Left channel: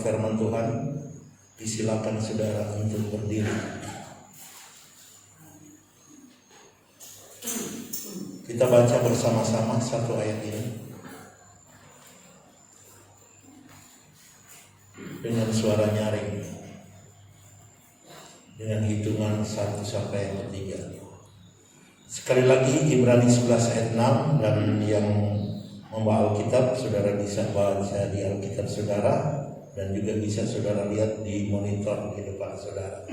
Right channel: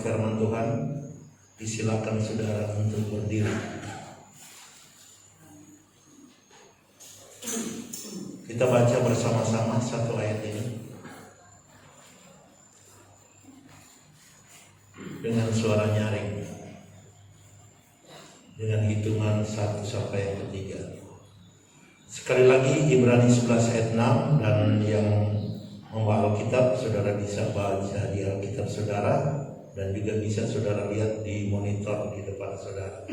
firman Tuhan, disilakan saudara untuk berdiri. Kita baca bersama-sama satu ayat ini dengan suara nyaring, dengan hitungan 1 sampai 3. Sekali lagi Ibrani 11 ayat 6, dan yang membawa Alkitab saudara bisa baca di Alkitab saudara, dan juga bisa saudara lihat di monitor di depan saudara.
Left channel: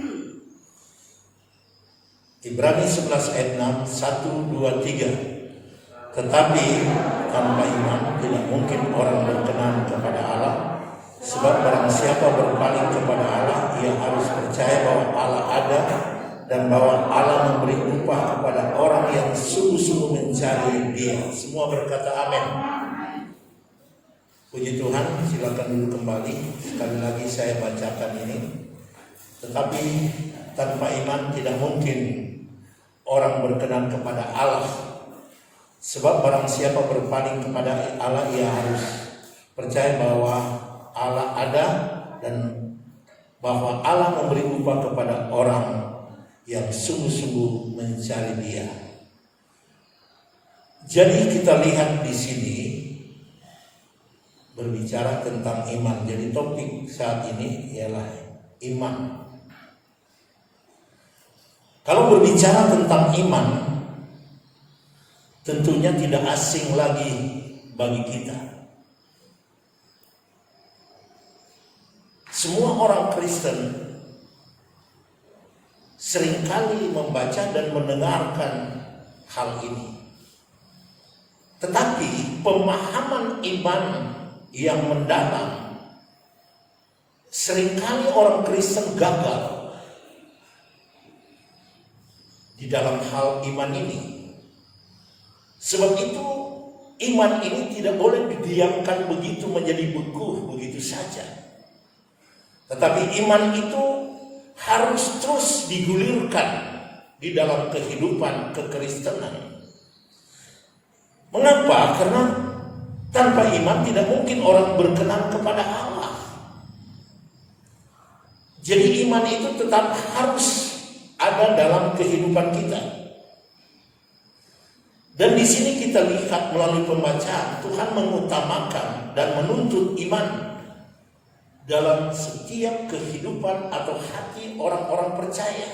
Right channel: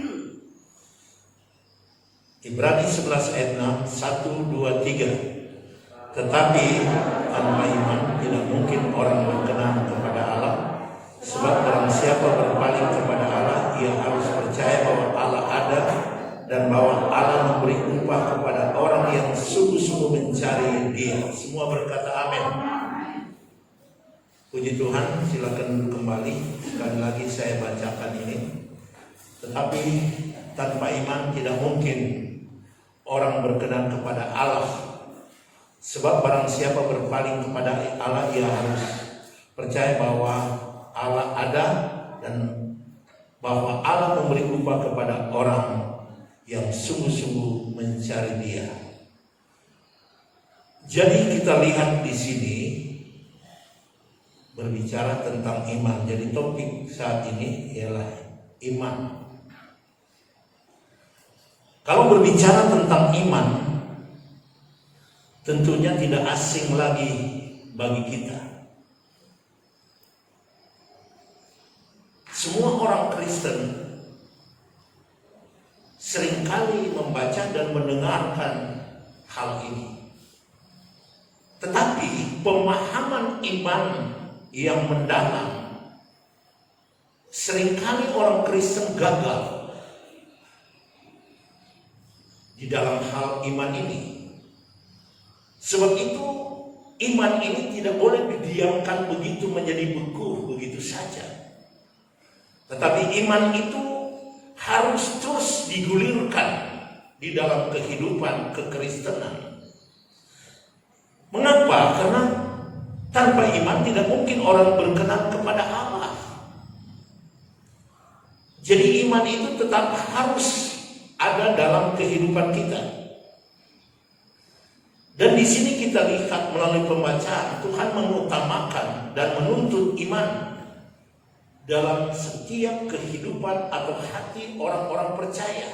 Ibrani 11 ayat 6, 1, 2, 3. Tetapi tanpa iman tidak mungkin orang berkenan kepada Allah, sebab barang siapa berpaling kepada Allah, ia harus percaya bahwa Allah ada dan bahwa Allah memberi upah kepada orang yang sungguh-sungguh mencari Dia. Semua berkata amin. Puji Tuhan, silakan duduk kembali. Sekali lagi saya bacakan ini. Tetapi tanpa iman tidak mungkin orang berkenan kepada Allah, sebab barang siapa berpaling kepada Allah, ia harus percaya bahwa Allah ada dan bahwa Allah memberi upah kepada orang yang sungguh-sungguh mencari Dia. Jadi kita lihat di sini berbicara tentang iman. Jadi topik saat ini ialah iman. Kalau berbicara tentang iman, tentunya tidak asing lagi bagi kita. Semua orang Kristen seringkali membaca dan mendengarkan hal ini. Tetapi pemahaman iman yang mendalam, seringkali orang Kristen gagal di dalam hal iman ini. Sebab itu iman ini tidak boleh didiamkan begitu menjadi beku begitu saja. Tetapi iman itu harus terus digulirkan di dalam kehidupan kekristenan. Mengapa? Karena tanpa iman tidak mungkin orang berkenan kepada Allah. Jadi iman itu tetap harus ada dalam kehidupan kita. Dan di sini kita lihat melalui pembacaan, Tuhan mengutamakan dan menuntut iman dalam setiap kehidupan atau hati orang-orang percaya.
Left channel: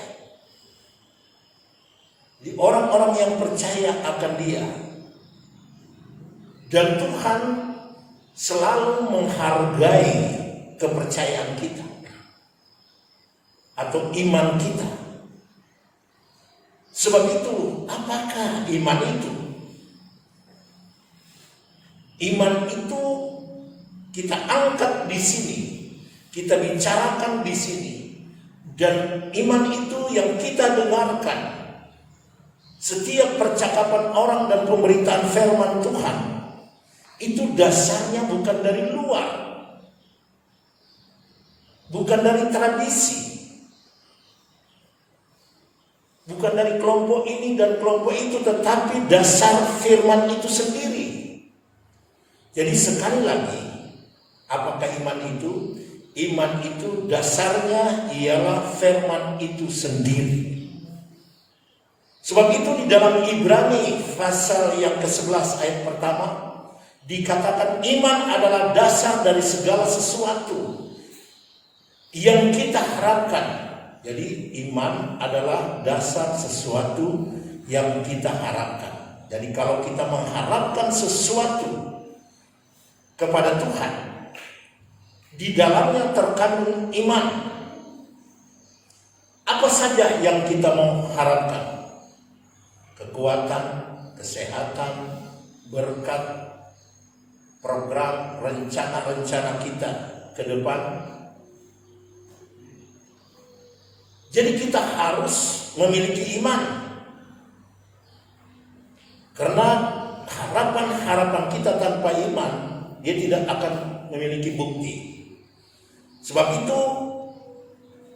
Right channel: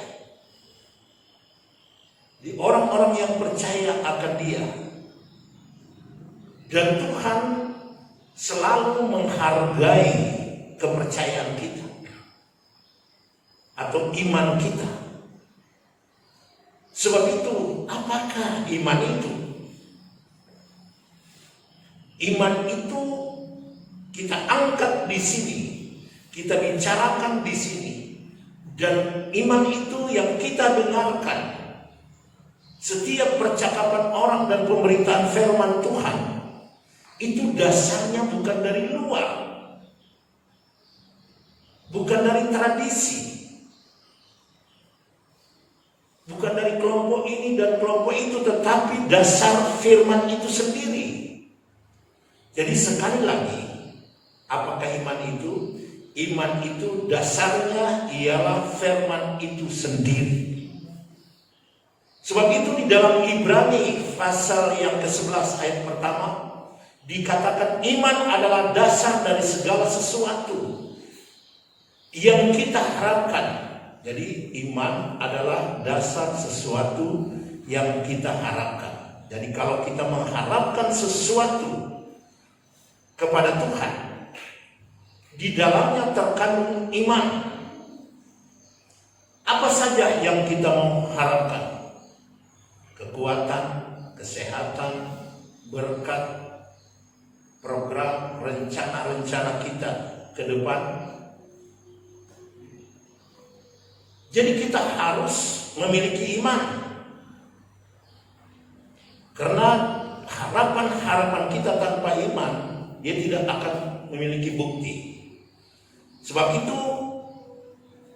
Di orang-orang yang percaya akan Dia. Dan Tuhan selalu menghargai kepercayaan kita atau iman kita. Sebab itu, apakah iman itu? Iman itu kita angkat di sini, kita bicarakan di sini, dan iman itu yang kita dengarkan. Setiap percakapan orang dan pemberitaan firman Tuhan itu dasarnya bukan dari luar, bukan dari tradisi, bukan dari kelompok ini dan kelompok itu, tetapi dasar firman itu sendiri. Jadi sekali lagi, apakah iman itu? Iman itu dasarnya ialah firman itu sendiri. Sebab itu di dalam Ibrani pasal yang ke-11 ayat pertama dikatakan iman adalah dasar dari segala sesuatu yang kita harapkan. Jadi iman adalah dasar sesuatu yang kita harapkan. Jadi kalau kita mengharapkan sesuatu kepada Tuhan, di dalamnya terkandung iman. Apa saja yang kita mengharapkan? Kekuatan, kesehatan, berkat, program, rencana-rencana kita ke depan. Jadi kita harus memiliki iman. Karena harapan-harapan kita tanpa iman, dia tidak akan memiliki bukti. Sebab itu,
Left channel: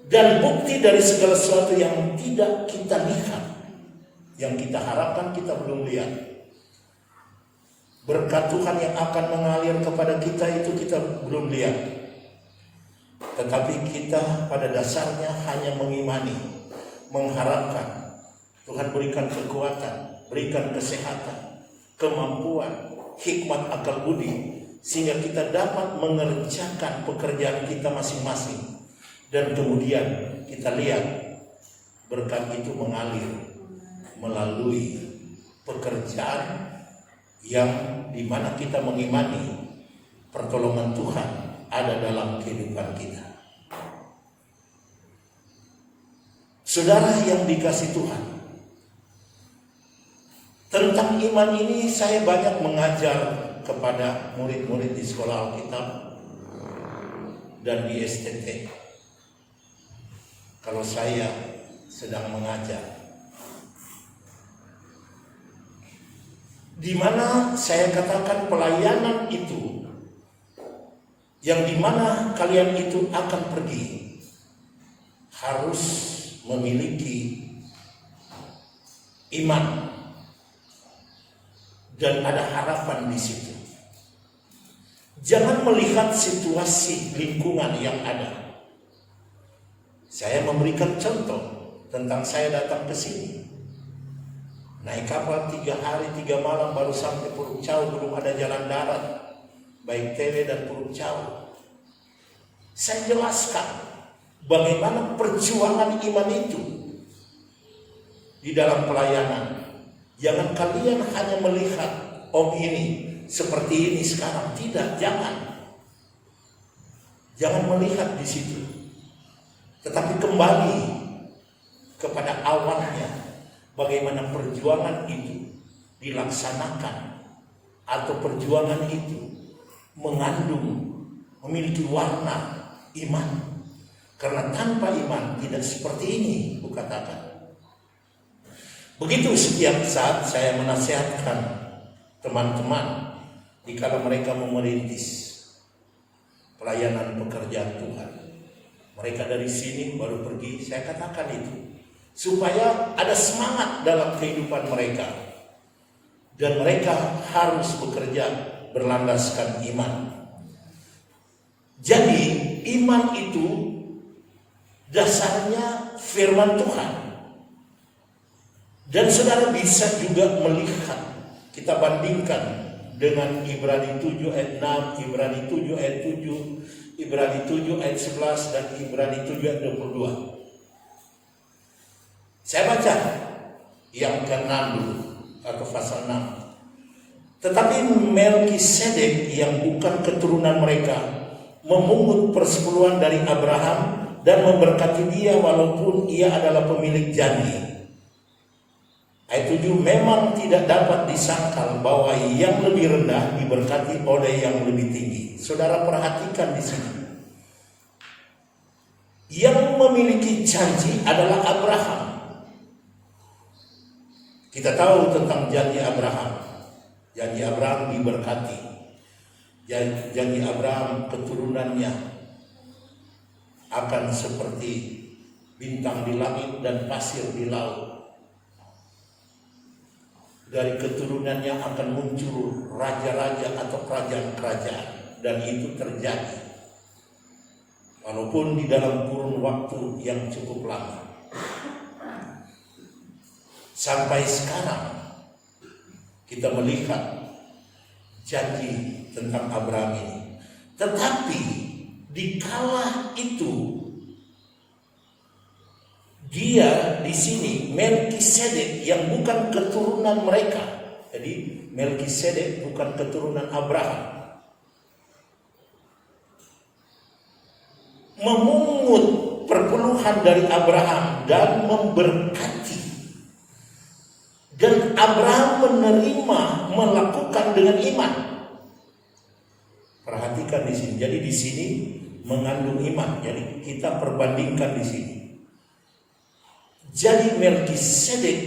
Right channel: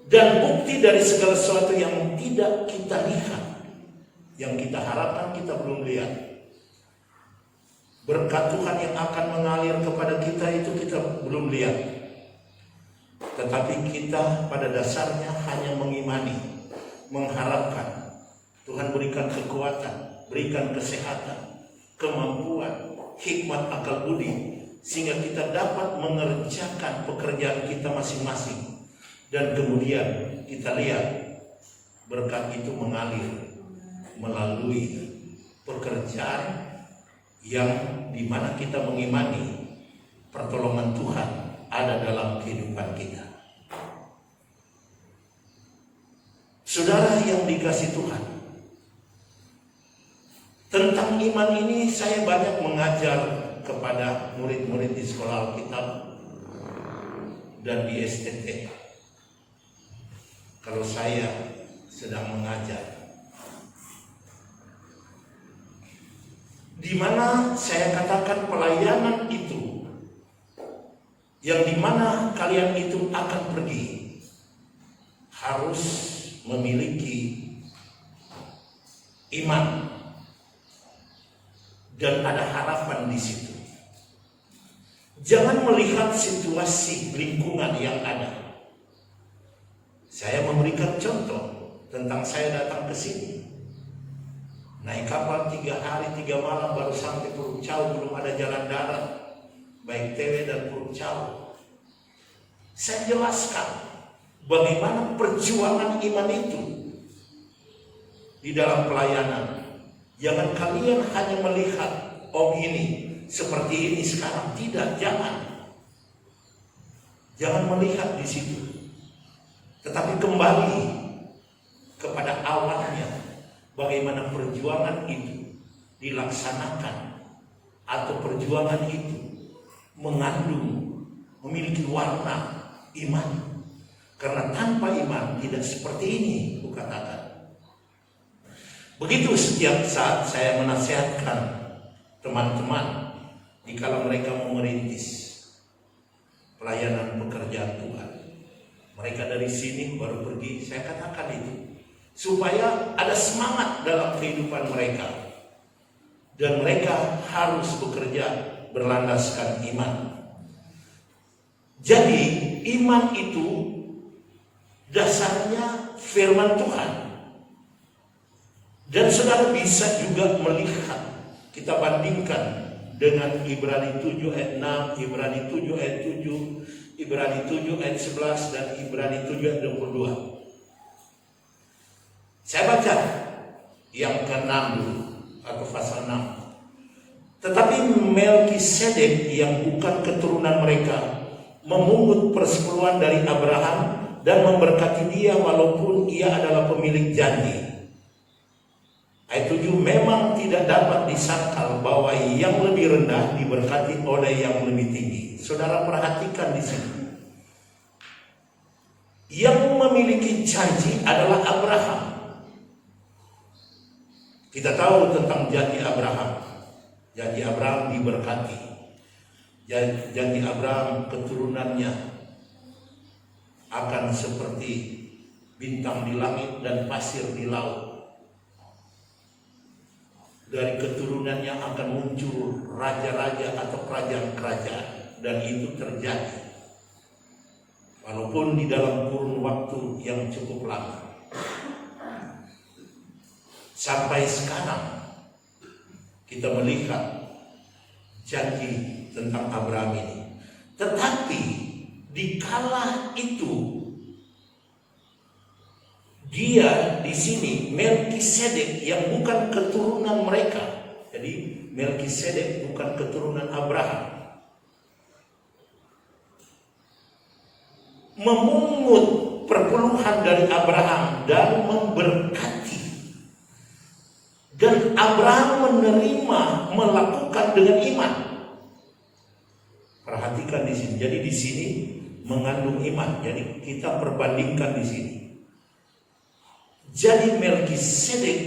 dan bukti dari segala sesuatu yang tidak kita lihat, yang kita harapkan kita belum lihat. Berkat Tuhan yang akan mengalir kepada kita itu kita belum lihat. tetapi kita pada dasarnya hanya mengimani, mengharapkan Tuhan berikan kekuatan, berikan kesehatan, kemampuan, hikmat akal budi, sehingga kita dapat mengerjakan pekerjaan kita masing-masing. Dan kemudian kita lihat berkat itu mengalir melalui pekerjaan yang dimana kita mengimani pertolongan Tuhan ada dalam kehidupan kita. Saudara yang dikasihi Tuhan, tentang iman ini saya banyak mengajar kepada murid-murid di sekolah Alkitab dan di STT. Kalau saya sedang mengajar, di mana saya katakan pelayanan itu, yang dimana kalian itu akan pergi, harus memiliki iman dan ada harapan di situ. Jangan melihat situasi lingkungan yang ada. Saya memberikan contoh tentang saya datang ke sini. Naik kapal 3 hari 3 malam baru sampai Pulau Cau, belum ada jalan darat, baik TW dan Pulau Cau. Saya jelaskan bagaimana perjuangan iman itu di dalam pelayanan. Jangan kalian hanya melihat, oh ini seperti ini sekarang. Tidak, jangan melihat di situ. Tetapi kembali kepada awalnya, bagaimana perjuangan itu dilaksanakan, atau perjuangan itu mengandung, memiliki warna iman. Karena tanpa iman tidak seperti ini, kukatakan. Begitu setiap saat saya menasihatkan teman-teman dikala mereka mau merintis pelayanan pekerjaan Tuhan. Mereka dari sini baru pergi, saya katakan itu supaya ada semangat dalam kehidupan mereka, dan mereka harus bekerja berlandaskan iman. Jadi iman itu dasarnya firman Tuhan. Dan saudara bisa juga melihat, kita bandingkan dengan Ibrani 7 ayat 6, Ibrani 7 ayat 7, Ibrani 7 ayat 11, dan Ibrani 7 ayat 22. Saya baca yang ke-6 dulu, atau pasal 6. Tetapi Melkisedek yang bukan keturunan mereka memungut persepuluhan dari Abraham dan memberkati dia walaupun ia adalah pemilik janji. Ayat 7, memang tidak dapat disangkal bahwa yang lebih rendah diberkati oleh yang lebih tinggi. Saudara perhatikan di sini. Yang memiliki janji adalah Abraham. Kita tahu tentang janji Abraham. Janji Abraham diberkati. Janji Abraham keturunannya akan seperti bintang di langit dan pasir di laut. Dari keturunannya akan muncul raja-raja atau kerajaan-kerajaan, dan itu terjadi walaupun di dalam kurun waktu yang cukup lama. Sampai sekarang kita melihat janji tentang Abraham ini. Tetapi di kala itu dia di sini Melkisedek yang bukan keturunan mereka. Jadi Melkisedek bukan keturunan Abraham, memungut perpuluhan dari Abraham dan memberkati. Dan Abraham menerima, melakukan dengan iman. Perhatikan di sini. Jadi di sini mengandung iman. Jadi kita perbandingkan di sini. Jadi Melkisedek,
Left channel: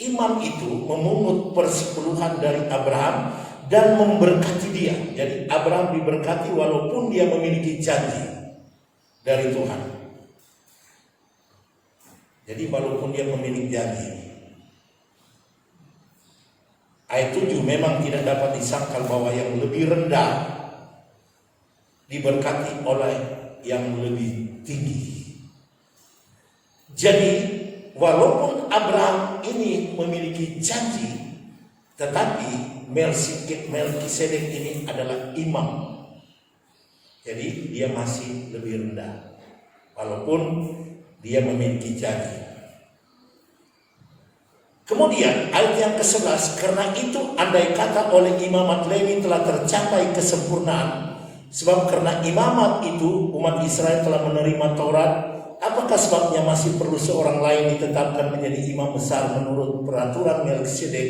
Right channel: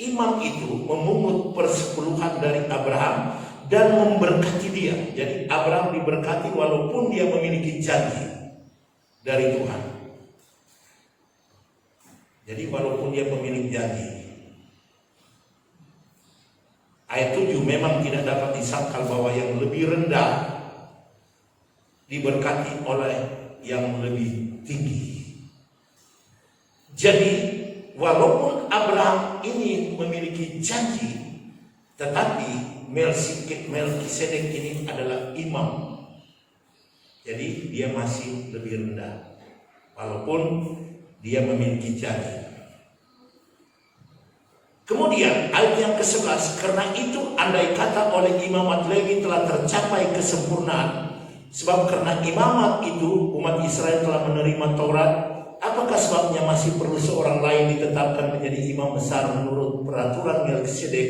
imam itu memungut persepuluhan dari Abraham dan memberkati dia. Jadi Abraham diberkati walaupun dia memiliki janji dari Tuhan. Jadi walaupun dia memiliki janji. Ayat 7, memang tidak dapat disangkal bahwa yang lebih rendah diberkati oleh yang lebih tinggi. Jadi walaupun Abraham ini memiliki janji, tetapi Melkisedek ini adalah imam. Jadi dia masih lebih rendah walaupun dia memiliki janji. Kemudian ayat yang ke-11, karena itu andai kata oleh imamat Lewi telah tercapai kesempurnaan, sebab karena imamat itu umat Israel telah menerima Taurat, apakah sebabnya masih perlu seorang lain ditetapkan menjadi imam besar menurut peraturan Melkisedek,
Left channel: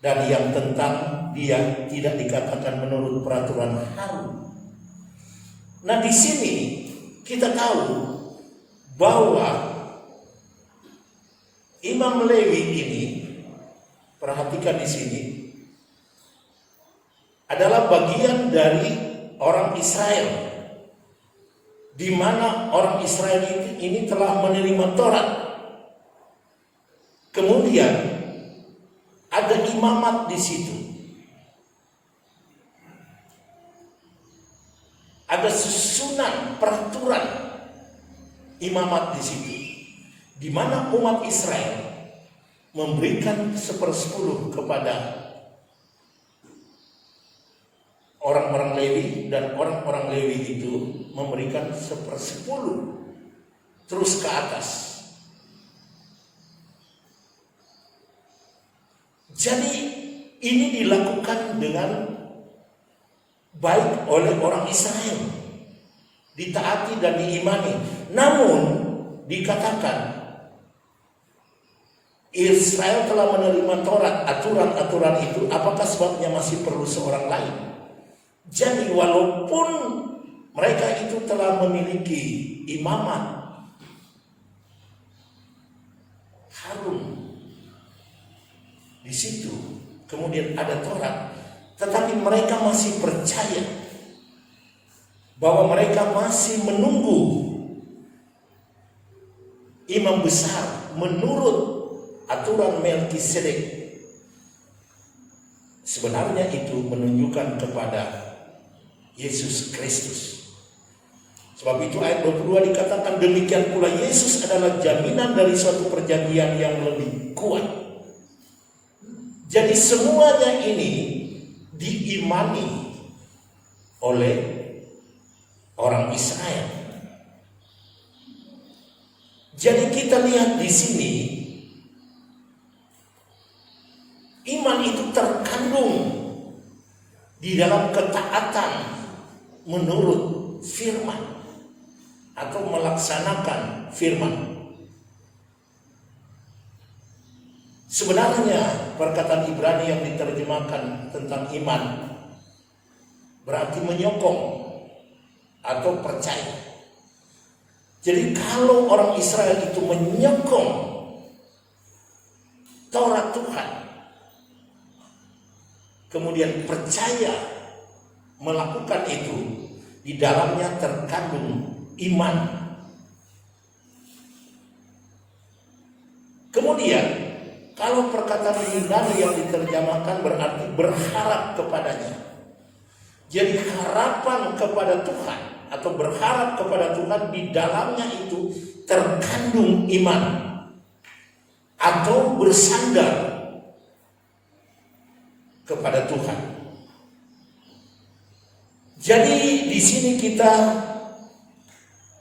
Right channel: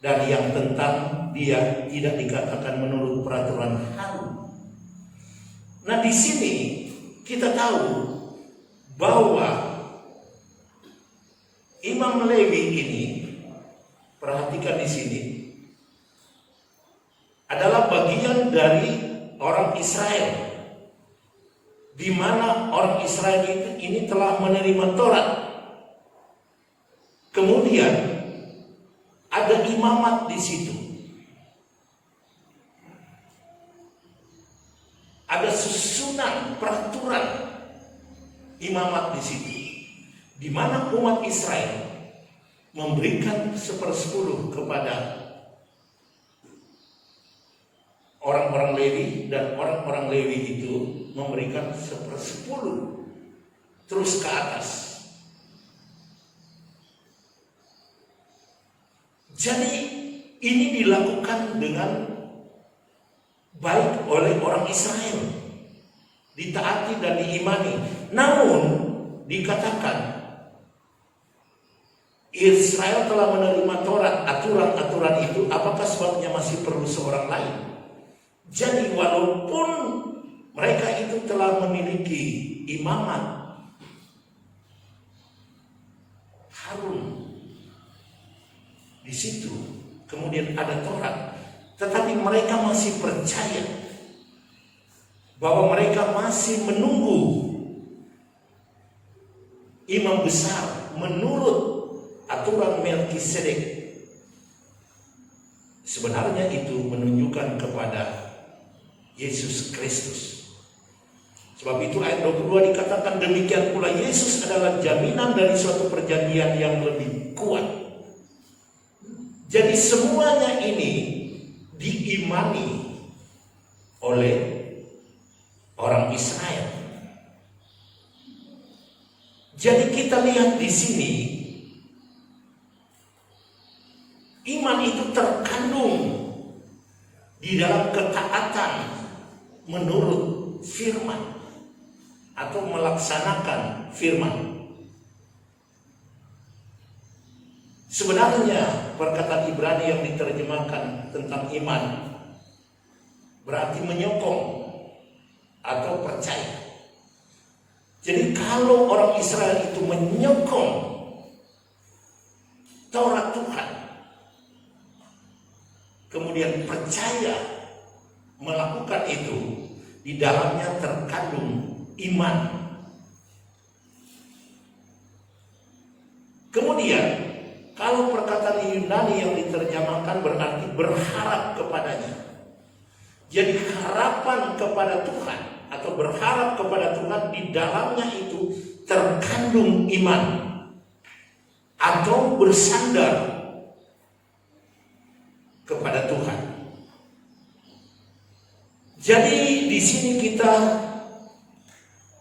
dan yang tentang dia tidak dikatakan menurut peraturan Harun? Nah, di sini kita tahu bahwa Imam Lewi ini, perhatikan di sini, adalah bagian dari orang Israel, di mana orang Israel ini telah menerima Taurat. Kemudian ada imamat di situ, ada susunan peraturan imamat di situ, di mana umat Israel memberikan 1/10 kepada orang-orang Lewi, dan orang-orang Lewi itu memberikan 1/10 terus ke atas. Jadi ini dilakukan dengan baik oleh orang Israel, ditaati dan diimani. Namun dikatakan Israel telah menerima Taurat, aturan-aturan itu, apakah sebabnya masih perlu seorang lain? Jadi walaupun mereka itu telah memiliki imamat Harun di situ, kemudian ada Taurat, tetapi mereka masih percaya bahwa mereka masih menunggu imam besar menurut aturan Melkisedek. Sebenarnya itu menunjukkan kepada Yesus Kristus. Sebab itu ayat 22 dikatakan, demikian pula Yesus adalah jaminan dari suatu perjanjian yang lebih kuat. Jadi semuanya ini diimani oleh orang Israel. Jadi kita lihat di sini, iman itu terkandung di dalam ketaatan menurut firman atau melaksanakan firman. Sebenarnya perkataan Ibrani yang diterjemahkan tentang iman berarti menyokong atau percaya. Jadi kalau orang Israel itu menyokong Taurat Tuhan, kemudian percaya melakukan itu, di dalamnya terkandung iman. Kemudian kalau perkataan Yunani yang diterjemahkan berarti berharap kepadanya. Jadi harapan kepada Tuhan atau berharap kepada Tuhan, di dalamnya itu terkandung iman atau bersandar kepada Tuhan. Jadi di sini kita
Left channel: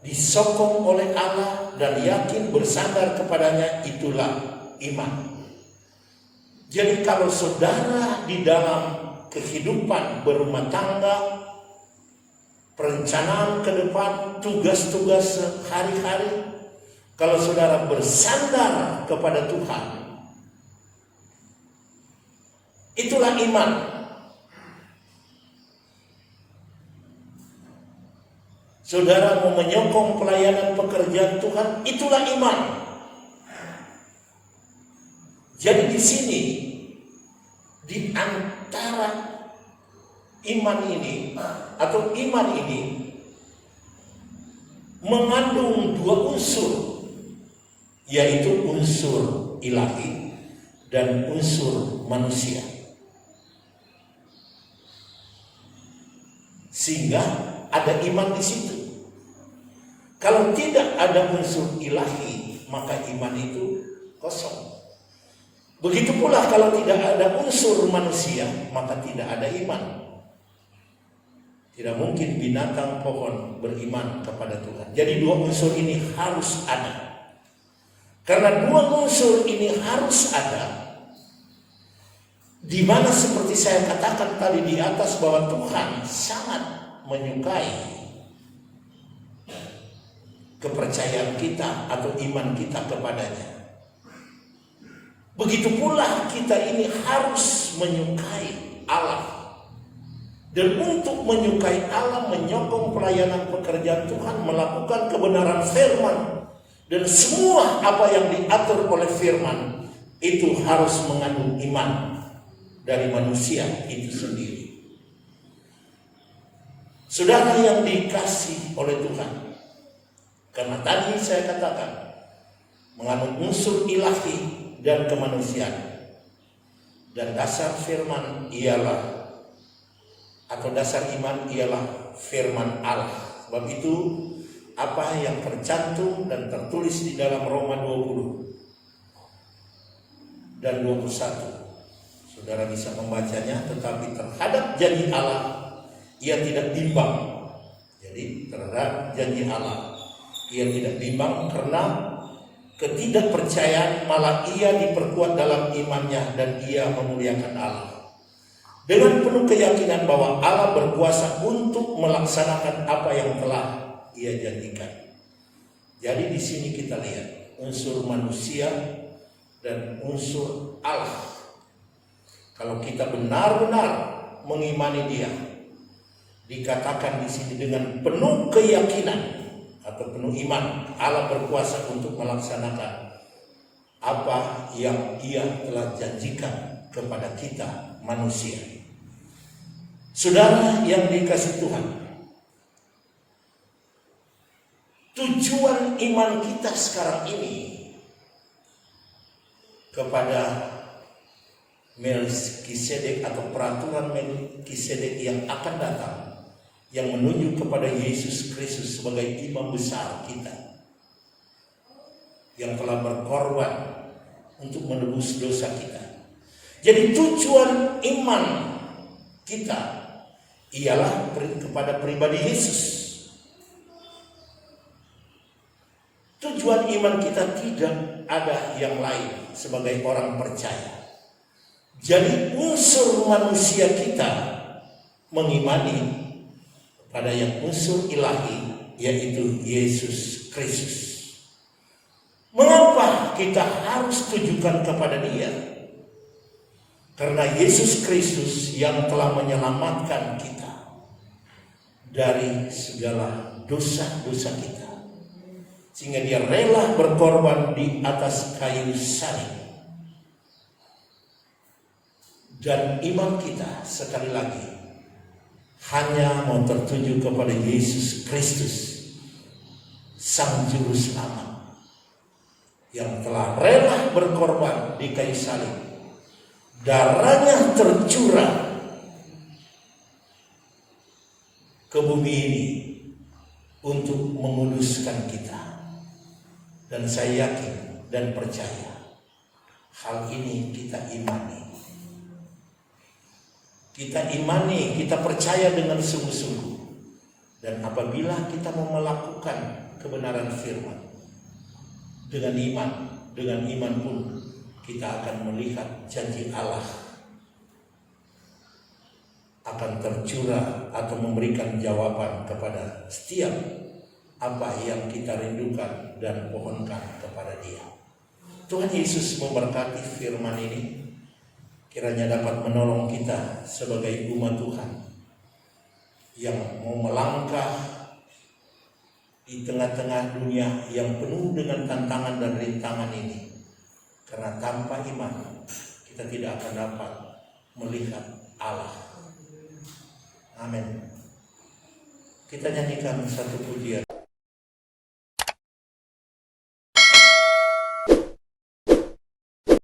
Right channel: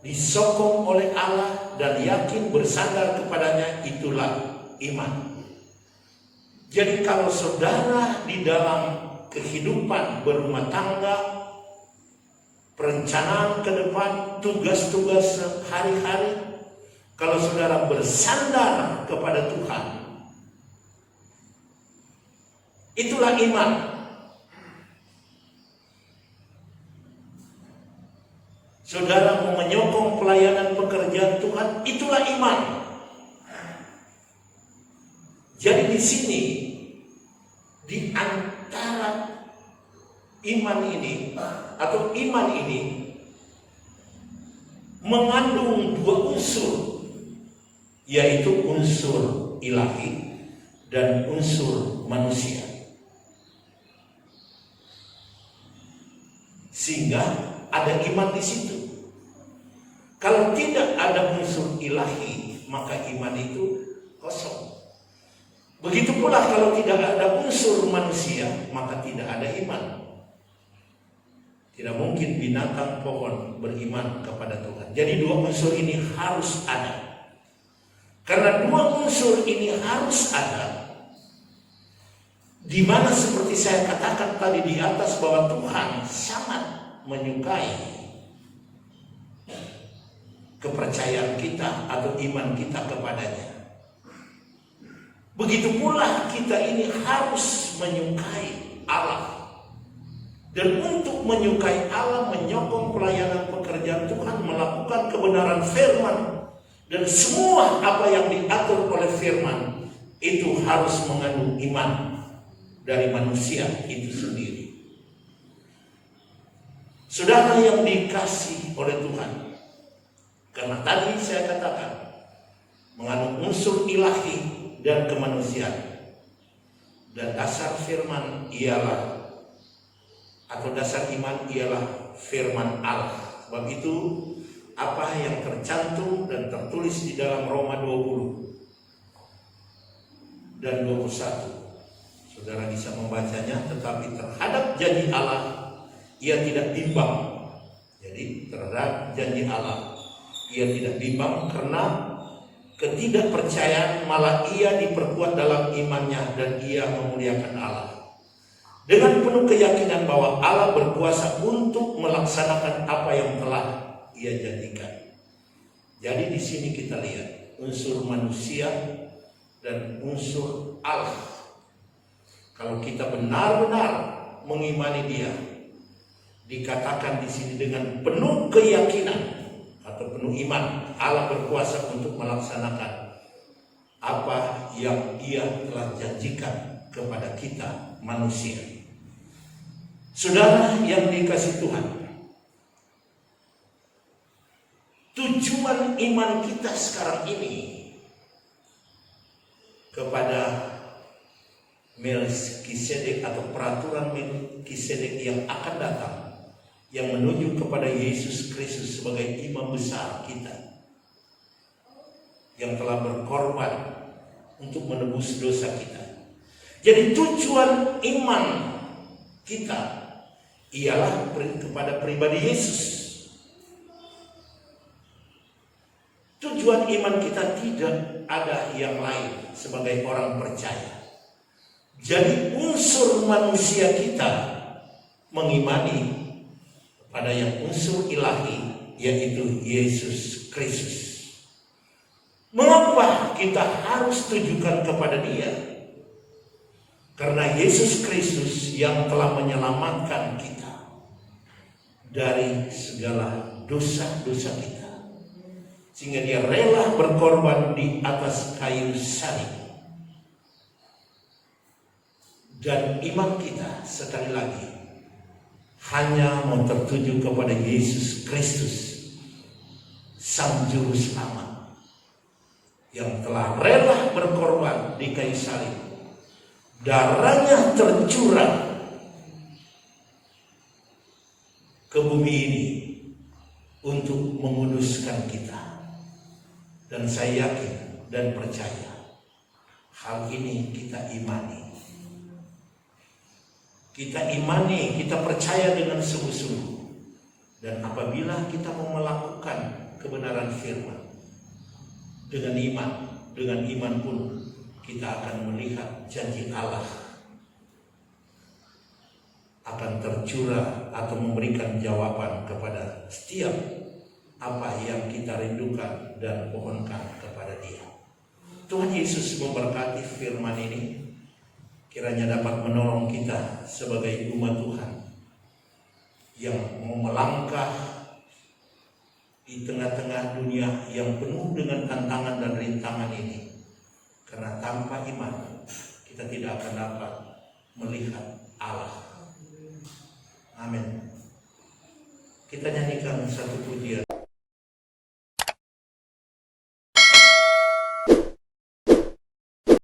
disokong oleh Allah dan yakin bersandar kepadanya, itulah iman. Jadi kalau saudara di dalam kehidupan berumah tangga, perencanaan ke depan, tugas-tugas hari-hari, kalau saudara bersandar kepada Tuhan, itulah iman. Saudara mau menyokong pelayanan pekerjaan Tuhan, itulah iman. Jadi di sini, di antara iman ini atau iman ini mengandung dua unsur, yaitu unsur ilahi dan unsur manusia. Sehingga ada iman di situ. Kalau tidak ada unsur ilahi, maka iman itu kosong. Begitu pula kalau tidak ada unsur manusia, maka tidak ada iman. Tidak mungkin binatang, pohon beriman kepada Tuhan. Jadi dua unsur ini harus ada. Karena dua unsur ini harus ada, di mana seperti saya katakan tadi di atas bahwa Tuhan sangat menyukai kepercayaan kita atau iman kita kepadanya. Begitu pula kita ini harus menyukai Allah. Dan untuk menyukai Allah, menyokong pelayanan pekerjaan Tuhan, melakukan kebenaran firman, dan semua apa yang diatur oleh firman itu harus mengandung iman dari manusia itu sendiri. Saudara yang dikasih oleh Tuhan, karena tadi saya katakan mengandung unsur ilahi dan kemanusiaan, dan dasar firman ialah, atau dasar iman ialah firman Allah. Sebab itu apa yang tercantum dan tertulis di dalam Roma 20 dan 21, saudara bisa membacanya, tetapi terhadap janji Allah ia tidak bimbang. Jadi terhadap janji Allah ia tidak bimbang, karena ketidakpercayaan malah ia diperkuat dalam imannya dan ia memuliakan Allah dengan penuh keyakinan bahwa Allah berkuasa untuk melaksanakan apa yang telah ia janjikan. Jadi di sini kita lihat unsur manusia dan unsur Allah. Kalau kita benar-benar mengimani Dia, dikatakan di sini dengan penuh keyakinan atau penuh iman, Allah berkuasa untuk melaksanakan apa yang Ia telah janjikan kepada kita manusia. Saudara yang dikasihi Tuhan, tujuan iman kita sekarang ini kepada Melkisedek atau peraturan Melkisedek yang akan datang, yang menuju kepada Yesus Kristus sebagai imam besar kita, yang telah berkorban untuk menebus dosa kita. Jadi tujuan iman kita ialah kepada pribadi Yesus. Tujuan iman kita tidak ada yang lain sebagai orang percaya. Jadi unsur manusia kita mengimani pada yang unsur ilahi, yaitu Yesus Kristus. Mengapa kita harus tujukan kepada Dia? Karena Yesus Kristus yang telah menyelamatkan kita dari segala dosa-dosa kita, sehingga Dia rela berkorban di atas kayu salib. Dan iman kita sekali lagi hanya mau tertuju kepada Yesus Kristus, Sang Juru Selamat, yang telah rela berkorban di kayu salib. Darahnya tercurah ke bumi ini untuk menguduskan kita. Dan saya yakin dan percaya hal ini kita imani. Kita imani, kita percaya dengan sungguh-sungguh. Dan apabila kita mau melakukan kebenaran firman dengan iman pun kita akan melihat janji Allah akan tercurah atau memberikan jawaban kepada setiap apa yang kita rindukan dan pohonkan kepada Dia. Tuhan Yesus memberkati firman ini, kiranya dapat menolong kita sebagai umat Tuhan yang mau melangkah di tengah-tengah dunia yang penuh dengan tantangan dan rintangan ini. Karena tanpa iman kita tidak akan dapat melihat Allah. Amin. Kita nyanyikan satu pujian.